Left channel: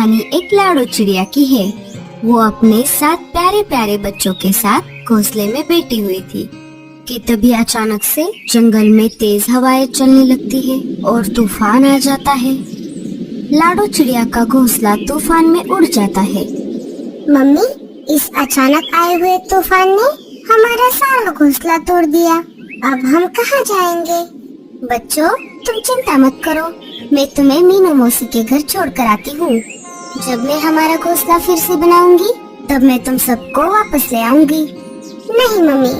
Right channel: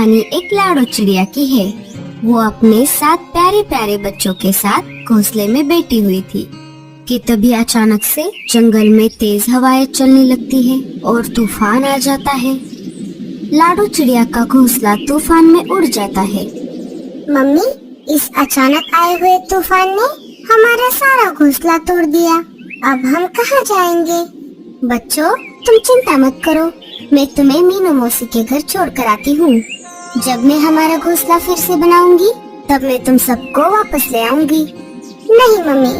कहानी एक लाडो चिड़िया की है। वो अपने 7 प्यारे प्यारे बच्चों के साथ घोंसले में बैठी हुई थी कि तभी अचानक से जंगल में तेज हवाएं चलने लगती है और तूफान आ जाता है। लाडो चिड़िया का घोंसला तूफान में उड़ जाता है। मम्मी, इस अचानक आए हुए तूफान ने हमारा सारा घोंसला तोड़ दिया। अब हम कहाँ जाएंगे? बच्चों, तुम चिंता मत करो, मैं तुम्हें मीनू मौसी के घर छोड़ कर आती हूँ। जब मैं हमारा घोंसला फिर से बनाऊंगी तब मैं तुम सबको वापस ले आऊंगी। नहीं मम्मी,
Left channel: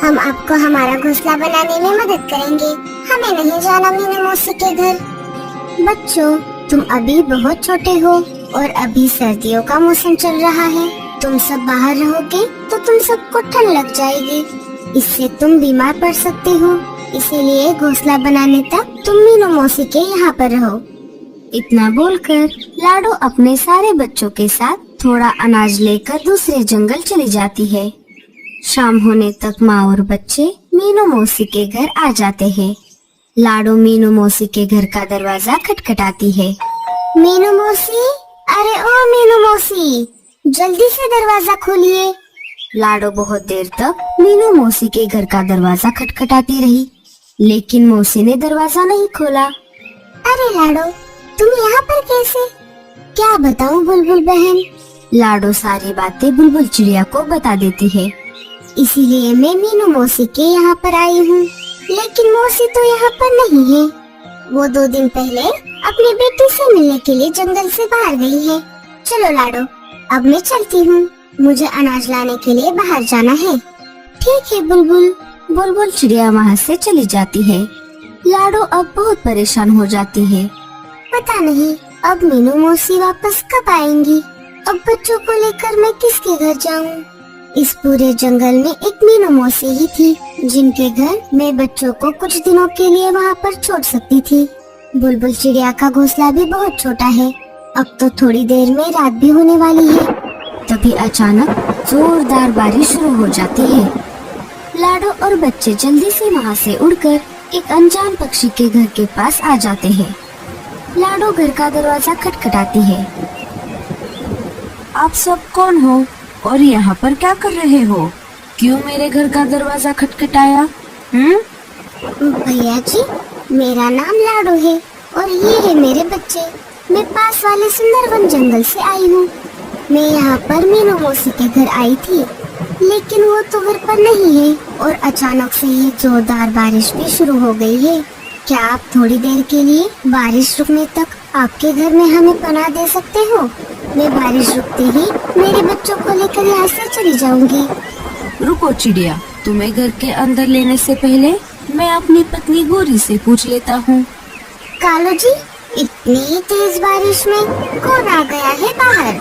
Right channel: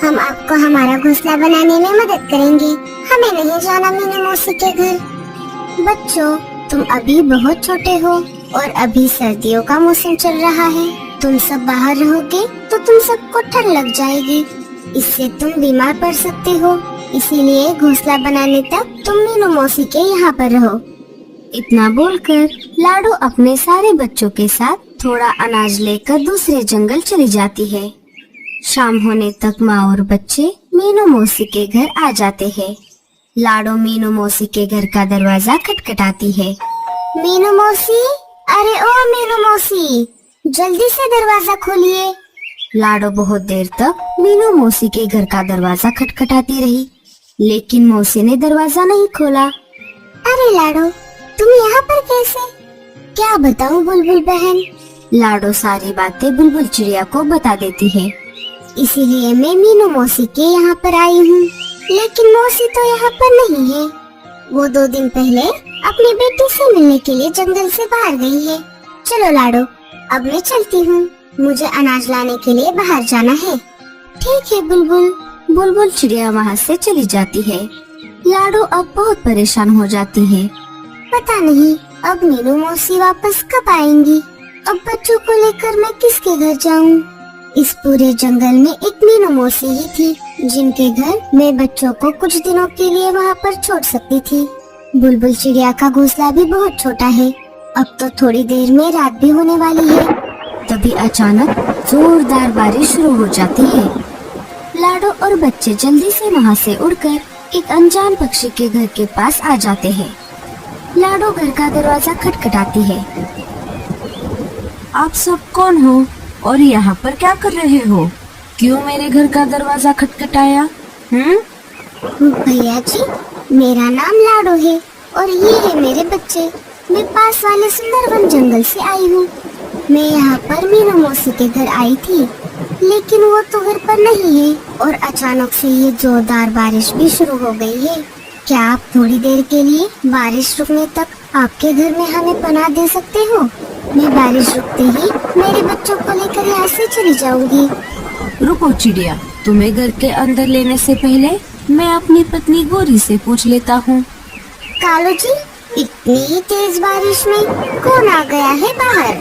हम आपको हमारा घोंसला बनाने में मदद करेंगे। हमें नहीं जाना मीनू मौसी के घर। बच्चों, तुम अभी बहुत छोटे हो और अभी सर्दियों का मौसम चल रहा है। तुम सब बाहर रहोगे तो तुम सबको ठंड लग जाएगी, इससे तुम बीमार पड़ सकते हो। इसीलिए घोंसला बनाने तक तुम मीनू मौसी के यहाँ पर रहो। इतना बोलकर लाडो अपने सारे बच्चों के साथ थोड़ा अनाज लेकर दूसरे जंगल चली जाती है। शाम होने तक माँ और बच्चे मीनू मौसी के घर आ जाते हैं। लाडो मीनू मौसी के घर का दरवाजा खटखटाती है। मीनू मौसी, अरे ओ मीनू मौसी, जल्दी से दरवाजा खोलिए। लाडो बहुत देर तक मीनू मौसी के घर का दरवाजा खटखटाती रही, लेकिन मौसी ने दरवाजा नहीं खोला। अरे लाडो, तुम यहाँ पर कैसे? क्या बताऊँ बुलबुल बहन? लाडो सारी बातें बुलबुल चिड़िया को बता देती है। इसीलिए मैं मीनू मौसी के यहाँ पर आई हूँ, लेकिन मौसी तो यहाँ पर नहीं है। वो 2 दिन पहले अपनी बेटी से मिलने के लिए जंगल से बाहर गई है। चलो लाडो, अब मैं चलती हूँ, मुझे अनाज लाने के लिए बाहर जाना है। ठीक है बुलबुल। बुलबुल चिड़िया वहाँ से चली जाती है। लाडो अब बहुत परेशान हो जाती है। पता नहीं अब मीनू मौसी वापस कब आएंगी। अब बच्चों को लेकर मैं किसके घर जाऊँ? इस पूरे जंगल में एक मीनू मौसी ही थी जिनके घर मैं बच्चों को कुछ दिनों के लिए वहाँ पर छोड़ सकती थी। बुलबुल चिड़िया का घोंसला भी बहुत छोटा है। अब तो थोड़ी देर में रात भी होने वाली है। तभी अचानक जोरदार बारिश शुरू हो जाती है। लाडो और बच्चे जल्दी से वहाँ से उड़कर एक अनजान पक्षी के घर के पास आ जाते हैं। लाडो घर का दरवाजा खटखटाती है। आप सब कौन हो और यहाँ पर क्या कर रहे हो? क्यों मेरे घर का दरवाजा खटखटाया? भैया जी, मेरा नाम लाडो है और ये है मेरे बच्चे। मैं पास वाले सुंदरवन जंगल से आई हूँ। मैं यहाँ पर मीनू मौसी के घर आई थी, लेकिन वो तो घर पर नहीं है और अचानक से ये जोरदार बारिश भी शुरू हो गई है। क्या आप थोड़ी देर के लिए बारिश रुकने तक आपके घर में हमें पनाह दे सकते हो? मैं बारिश रुकते ही मेरे बच्चों को लेकर यहाँ से चली जाऊंगी। रुको चिड़िया, तुम्हें घर के अंदर लेने से पहले मैं अपनी पत्नी गोरी से पूछ लेता हूँ। कालू जी, इतनी तेज बारिश में कौन आ गया है बाहर?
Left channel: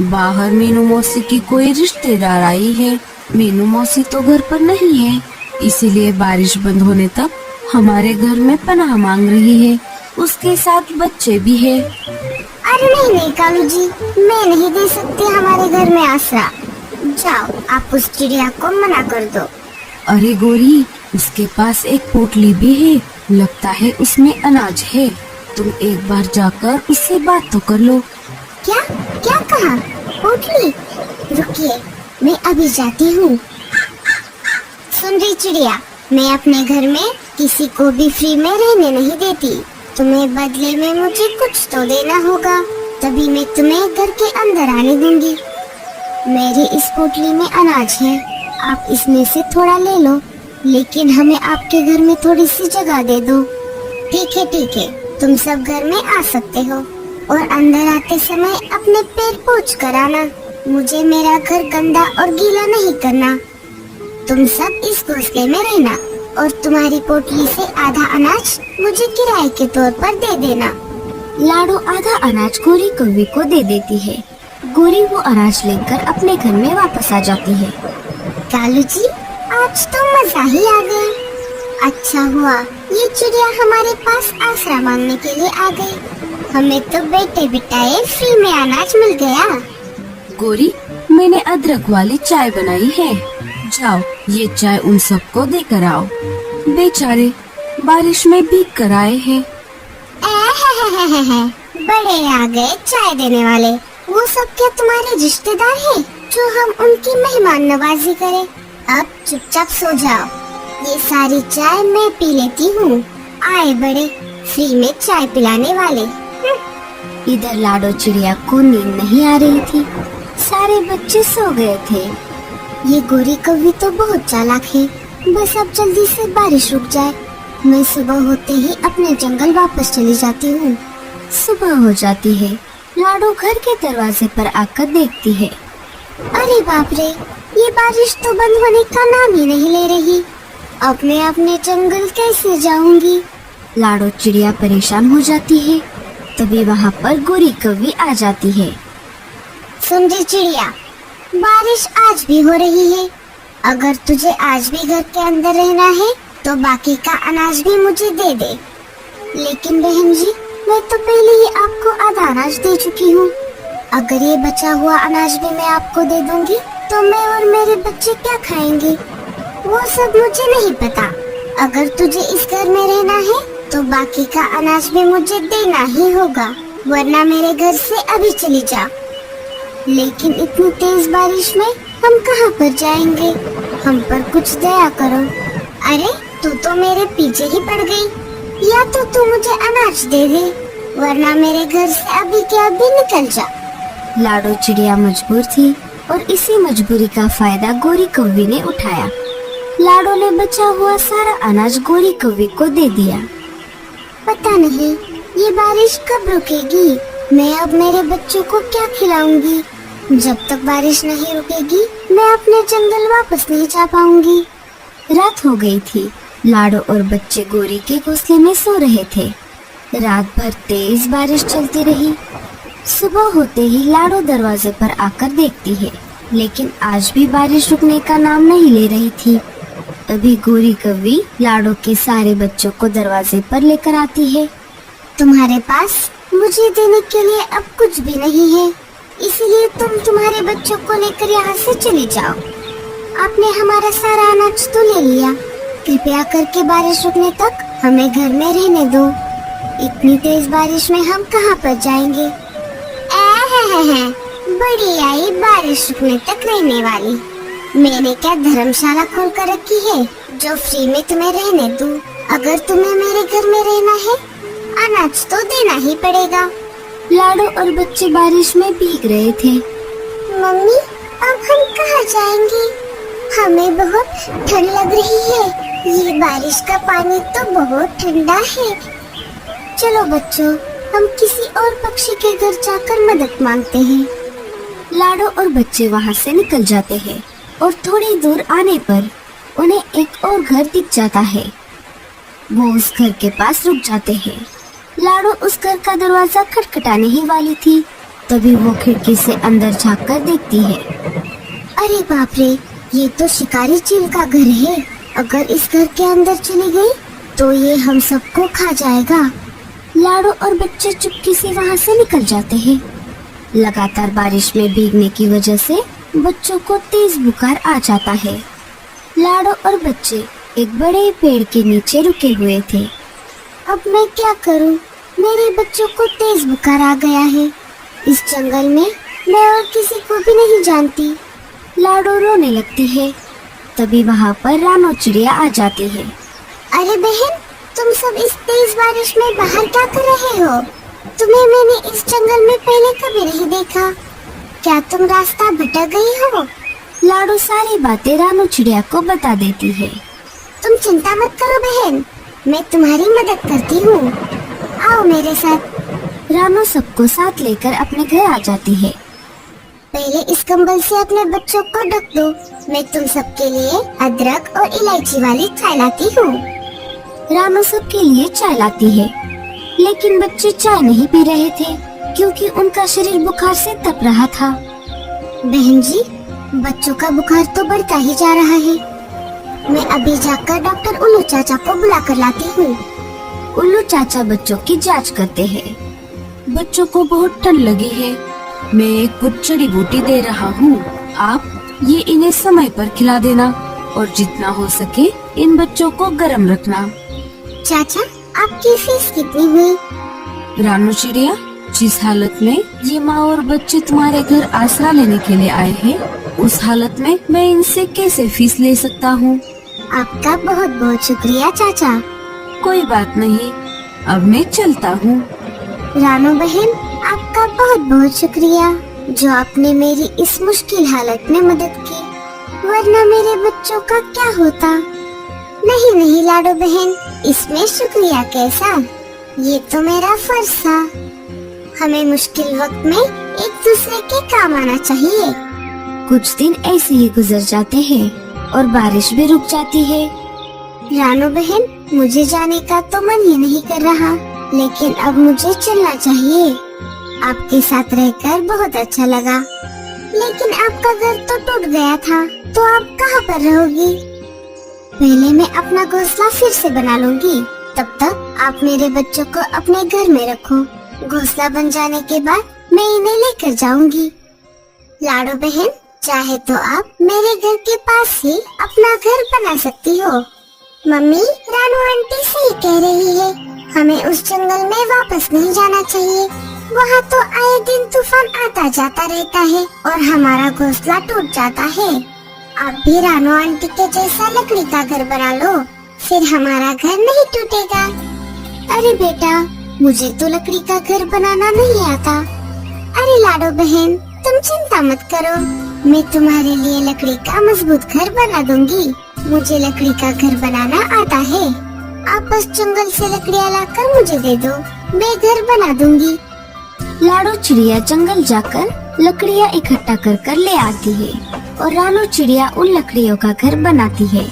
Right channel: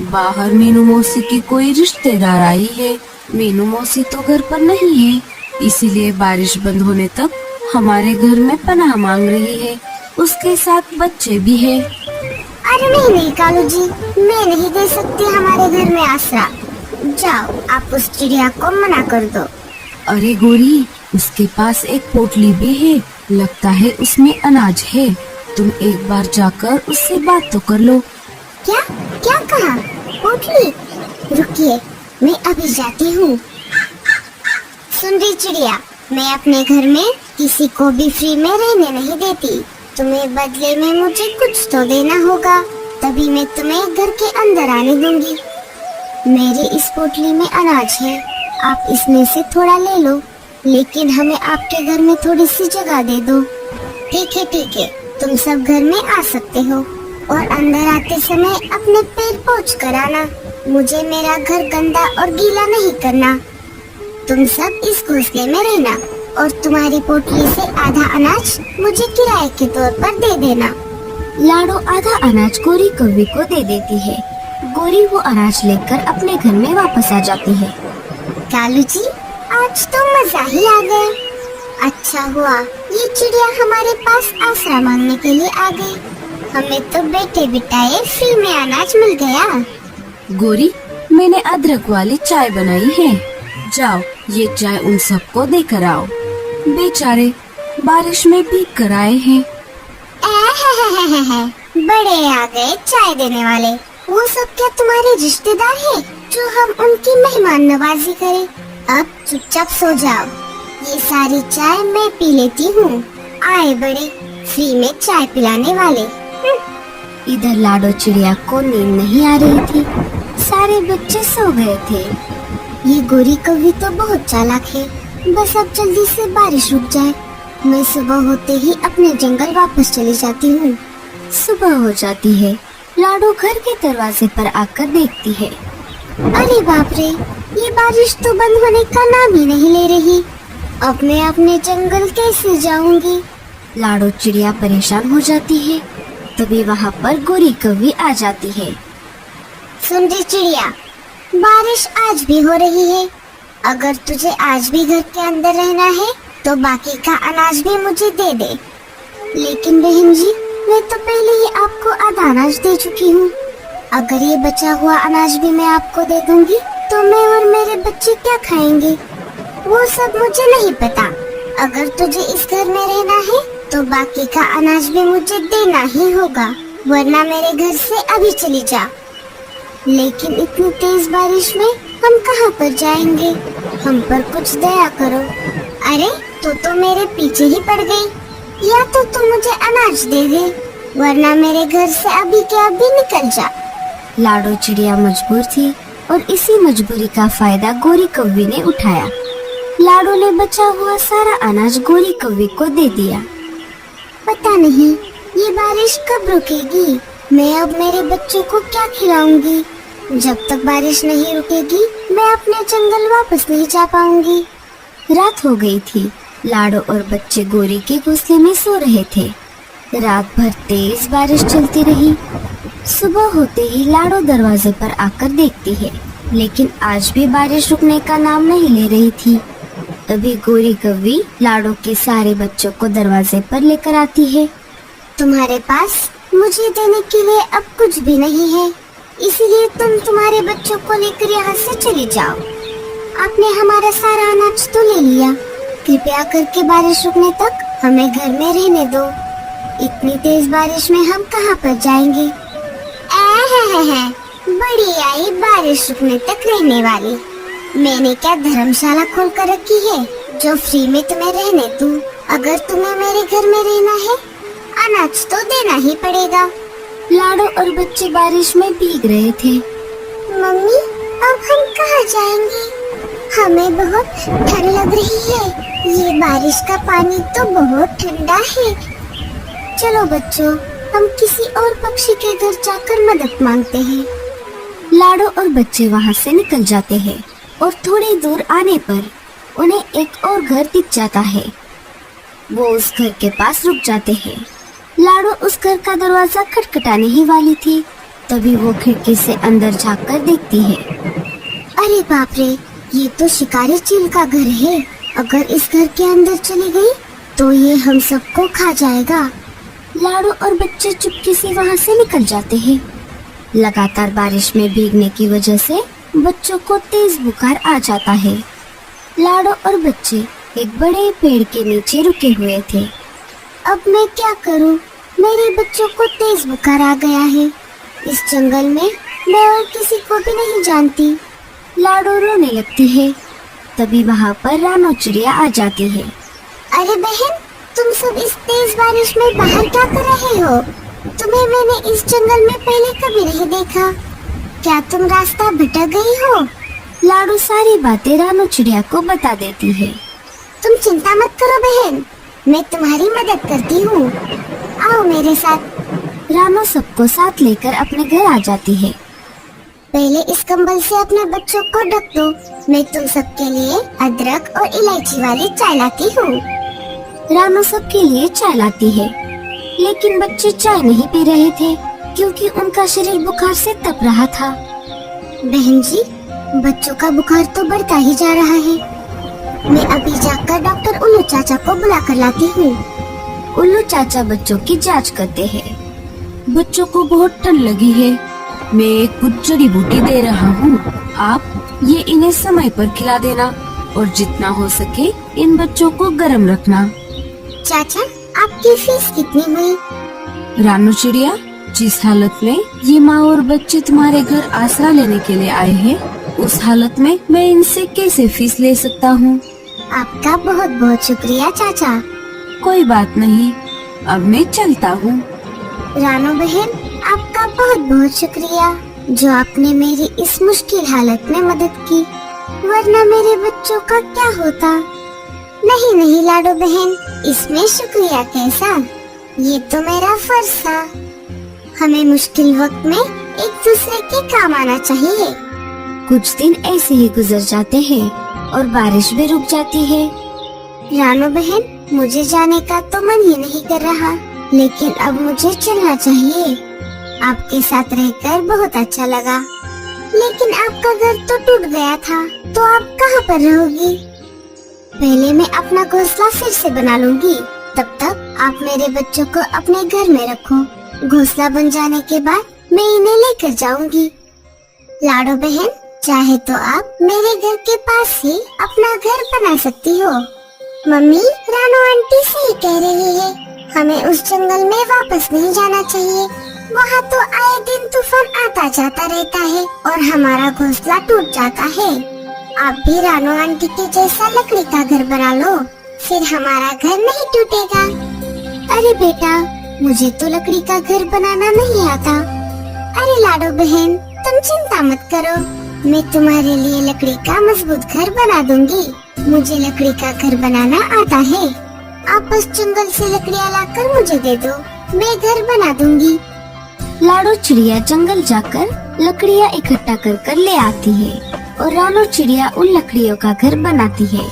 बाहर मीनू मौसी की कोई रिश्तेदार आई है। मीनू मौसी तो घर पर नहीं है, इसीलिए बारिश बंद होने तक हमारे घर में पनाह मांग रही है। उसके साथ बच्चे भी हैं। अरे नहीं कालू जी, मैं नहीं दे सकती हमारे घर में आसरा। जाओ, आप उस चिड़िया को मना कर दो। अरे गोरी, उसके पास एक पोटली भी है, लगता है उसमें अनाज है। तुम एक बार जाकर उससे बात तो कर लो। क्या क्या कहा? पोटली? रुकिए, मैं अभी जाती हूँ। सुन रही चिड़िया, मैं अपने घर में किसी को भी फ्री में रहने नहीं देती। तुम्हें बदले में मुझे कुछ तो देना होगा, तभी मैं तुम्हें घर के अंदर आने दूंगी। मेरी इस पोटली में अनाज है, आप इसमें से थोड़ा ले लो, लेकिन हमें आपके घर में थोड़ी सी जगह दे दो। ठीक है, तुम सब घर में आ सकते हो और अंदर आते समय अपने पैर पोंछ कर आना। मुझे मेरा घर गंदा और गीला नहीं करना। तुम सब इस घोंसले में रहना और तुम्हारी पोटली से आधा अनाज मुझे किराए के तौर पर दे देना। लाडो आधा अनाज गोरी कौवी को दे देती है। गोरी वो अनाज लेकर अपने घर में वापस आ जाती है। कालू जी, आज तो मजा ही आ गया। अच्छा हुआ ये चिड़िया हमारे पास आसरा मांगने के लिए आ गई। हमें तो बैठे बिठाए फ्री में अनाज मिल गया। गोरी, मैंने अदरक वाली चाय बनाई है, जाओ ये चाय उन सबको देकर आओ। बेचारे बारिश में भीग कर आए हैं। बड़े आ गए चाय देने वाले। वो सब क्या तुम्हारे रिश्तेदार हैं जो हम उनकी मेहमान नवाजी करें? अब चुपचाप सो जाओ। ये सारी चाय मैं पी लेती हूँ। आए बड़े फ्री में चाय पिलाने वाले। इधर लाडो चिड़िया को नींद नहीं आ रही थी। सारे बच्चे सो गए थे। ये गोरी कौवी तो बहुत चालाक है। बस अब जल्दी से बारिश रुक जाए। मैं सुबह होते ही अपने जंगल वापस चली जाती हूँ। सुबह हो जाती है। लाडो घर के दरवाजे पर आकर देखती है। अरे बाप रे, ये बारिश तो बंद होने का नाम ही नहीं ले रही। अब मैं अपने जंगल कैसे जाऊंगी? लाडो चिड़िया परेशान हो जाती है। तभी वहाँ पर गोरी कौवी आ जाती है। सुन रही चिड़िया, बारिश आज भी हो रही है। अगर तुझे आज भी घर के अंदर रहना है तो बाकी का अनाज भी मुझे दे दे। लेकिन बहन जी, मैं तो पहले ही आपको आधा अनाज दे चुकी हूँ। अगर ये बचा हुआ अनाज भी मैं आपको दे दूंगी तो मैं और मेरे बच्चे क्या खाएंगी? वो सब मुझे नहीं पता। अगर तुझे इस घर में रहना है तो बाकी का अनाज भी मुझे देना ही होगा, वरना मेरे घर से अभी चली जा। लेकिन इतनी तेज बारिश में हम कहाँ पर जाएंगे? हम पर कुछ दया करो। अरे तू तो मेरे पीछे ही पड़ गई। या तो तू मुझे अनाज दे दे, वरना मेरे घर से अभी के अभी निकल जा। लाडो चिड़िया मजबूर थी और इसी मजबूरी का फायदा गोरी कौवी ने उठाया। लाडो ने बचा हुआ सारा अनाज गोरी कौवी को दे दिया। पता नहीं ये बारिश कब रुकेगी। मैं अब मेरे बच्चों को क्या खिलाऊंगी? जब तक बारिश नहीं रुकेगी मैं अपने जंगल वापस नहीं जा पाऊंगी। रात हो गई थी। लाडो और बच्चे गोरी के घोंसले में सो रहे थे। रात भर तेज बारिश चलती रही। सुबह होते ही लाडो दरवाजे पर आकर देखती है, लेकिन आज भी बारिश रुकने का नाम नहीं ले रही थी। तभी गोरी कौवी लाडो के सारे बच्चों को दरवाजे पर लेकर आती है। तुम्हारे पास मुझे देने के लिए अब कुछ भी नहीं है, इसलिए तुम तुम्हारे बच्चों को लेकर यहाँ से चले जाओ। आपने हमारा सारा अनाज तो ले लिया। कृपया करके बारिश रुकने तक हमें घर में रहने दो। इतनी तेज बारिश में हम कहाँ पर जाएंगे? बड़ी आई बारिश रुकने तक रहने वाली। मैंने क्या धर्मशाला खोल कर रखी है जो फ्री में तुम्हें रहने दूं? अगर तुम्हें मेरे घर में रहना है अनाज तो देना ही पड़ेगा। लाडो और बच्चे बारिश में भीग रहे थे। मम्मी, अब हम कहाँ जाएंगे? हमें बहुत ठंड लग रही है। ये बारिश का पानी तो बहुत ठंडा है। चलो बच्चों, हम किसी और पक्षी के घर जाकर मदद मांगते हैं। लाडो और बच्चे वहाँ से निकल जाते हैं और थोड़ी दूर आने पर उन्हें एक और घर दिख जाता है। वो उस घर के पास रुक जाते हैं। लाडो उस घर का दरवाजा खटखटाने ही वाली थी, तभी वो खिड़की से अंदर झाँक कर देखती है। अरे बाप रे, ये तो शिकारी चील का घर है। अगर इस घर के अंदर चली गई तो ये हम सबको खा जाएगा। लाडो और बच्चे चुपके से वहाँ से निकल जाते हैं। लगातार बारिश में भीगने की वजह से बच्चों को तेज बुखार आ जाता है। लाडो और बच्चे एक बड़े पेड़ के नीचे रुके हुए थे। अब मैं क्या करूं? मेरे बच्चों को तेज बुखार आ गया है। इस जंगल में मैं और किसी को भी नहीं जानती। लाडो रोने लगती है। तभी वहाँ पर रानो चिड़िया आ जाती है। अरे बहन, तुम सब इस तेज बारिश में बाहर क्या कर रहे हो? तुम्हें मैंने इस जंगल में पहले कभी नहीं देखा। क्या तुम रास्ता भटक गई हो? लाडो सारी बातें रानो चिड़िया को बता देती है। तुम चिंता मत करो बहन, मैं तुम्हारी मदद करती हूँ। आओ मेरे साथ। रानो सबको साथ लेकर अपने घर आ जाती है। पहले इस कंबल से अपने बच्चों को ढक दो। मैं तुम सबके लिए अदरक और इलायची वाली चाय लाती हूँ। रानो सबके लिए चाय लाती है, लेकिन बच्चे चाय नहीं पी रहे थे क्योंकि उनका शरीर बुखार से तप रहा था। बहन जी, बच्चों का बुखार तो बढ़ता ही जा रहा है। मैं अभी जाकर डॉक्टर उल्लू चाचा को बुला कर लाती हूँ। उल्लू चाचा बच्चों की जांच करते हैं। बच्चों को बहुत ठंड लगी है। मैं एक कुछ जड़ी बूटी दे रहा हूँ। आप ये इन्हें समय पर खिला देना और जितना हो सके इन बच्चों को गर्म रखना। चाचा, आपकी फीस कितनी हुई? रानो चिड़िया, जिस हालत में ये माँ और बच्चे तुम्हारे घर आसरा लेने के लिए आए हैं, उस हालत में मैं इनसे कैसे फीस ले सकता हूँ? आपका बहुत बहुत शुक्रिया चाचा। कोई बात नहीं, अब मैं चलता हूँ। रानू बहन, आपका बहुत बहुत शुक्रिया जो आपने मेरी इस मुश्किल हालत में मदद की, वरना मेरे बच्चों का क्या होता। नहीं नहीं लाडो बहन, इसमें शुक्रिया कैसा, ये तो मेरा फर्ज था। हमें मुश्किल वक्त में एक दूसरे के काम आना चाहिए। कुछ दिन ऐसे ही गुजर जाते हैं और बारिश भी रुक जाती है। रानू बहन, मुझे जाने का तो मन ही नहीं कर रहा, लेकिन अब मुझे चलना चाहिए। आपके साथ रहकर बहुत अच्छा लगा, लेकिन आपका घर तो टूट गया था, तो आप कहाँ पर रहोगी? पहले मैं अपना घोंसला फिर से बना लूंगी, तब तक आप मेरे बच्चों को अपने घर में रखो। घोंसला बन जाने के बाद मैं इन्हें लेकर जाऊंगी। लाडो बहन, चाहे तो आप मेरे घर के पास ही अपना घर बना सकती हो। मम्मी, रानू आंटी सही कह रही है, हमें उस जंगल में वापस नहीं जाना चाहिए। वहाँ तो आए दिन तूफान आता जाता रहता है और हमारा घोंसला टूट जाता है। आप भी रानू आंटी के जैसा लकड़ी का घर बना लो, फिर हमारा घर नहीं टूटेगा। अरे बेटा, मुझे तो लकड़ी का घर बनाना नहीं आता। अरे लाडो बहन, तुम चिंता मत करो, मैं तुम्हारे लिए लकड़ी का मजबूत घर बना दूंगी। मुझे लकड़ी का घर बनाना आता है। आप बस जंगल से लकड़ियाँ लाकर मुझे दे दो, मैं घर बना दूंगी। लाडो चिड़िया जंगल जाकर लकड़ियाँ इकट्ठा कर कर ले आती है और रानू चिड़िया उन लकड़ियों का घर बनाती है।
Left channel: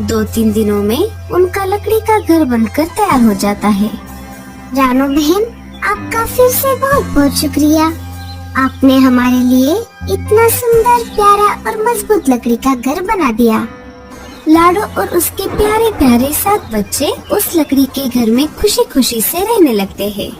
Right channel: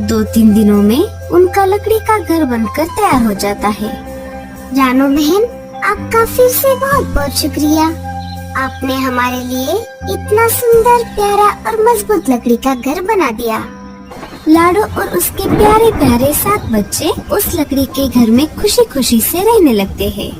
2-3 दिनों में उनका लकड़ी का घर बनकर तैयार हो जाता है। रानू बहन, आपका फिर से बहुत बहुत शुक्रिया। आपने हमारे लिए इतना सुंदर, प्यारा और मजबूत लकड़ी का घर बना दिया। लाडो और उसके प्यारे प्यारे 7 बच्चे उस लकड़ी के घर में खुशी खुशी से रहने लगते हैं।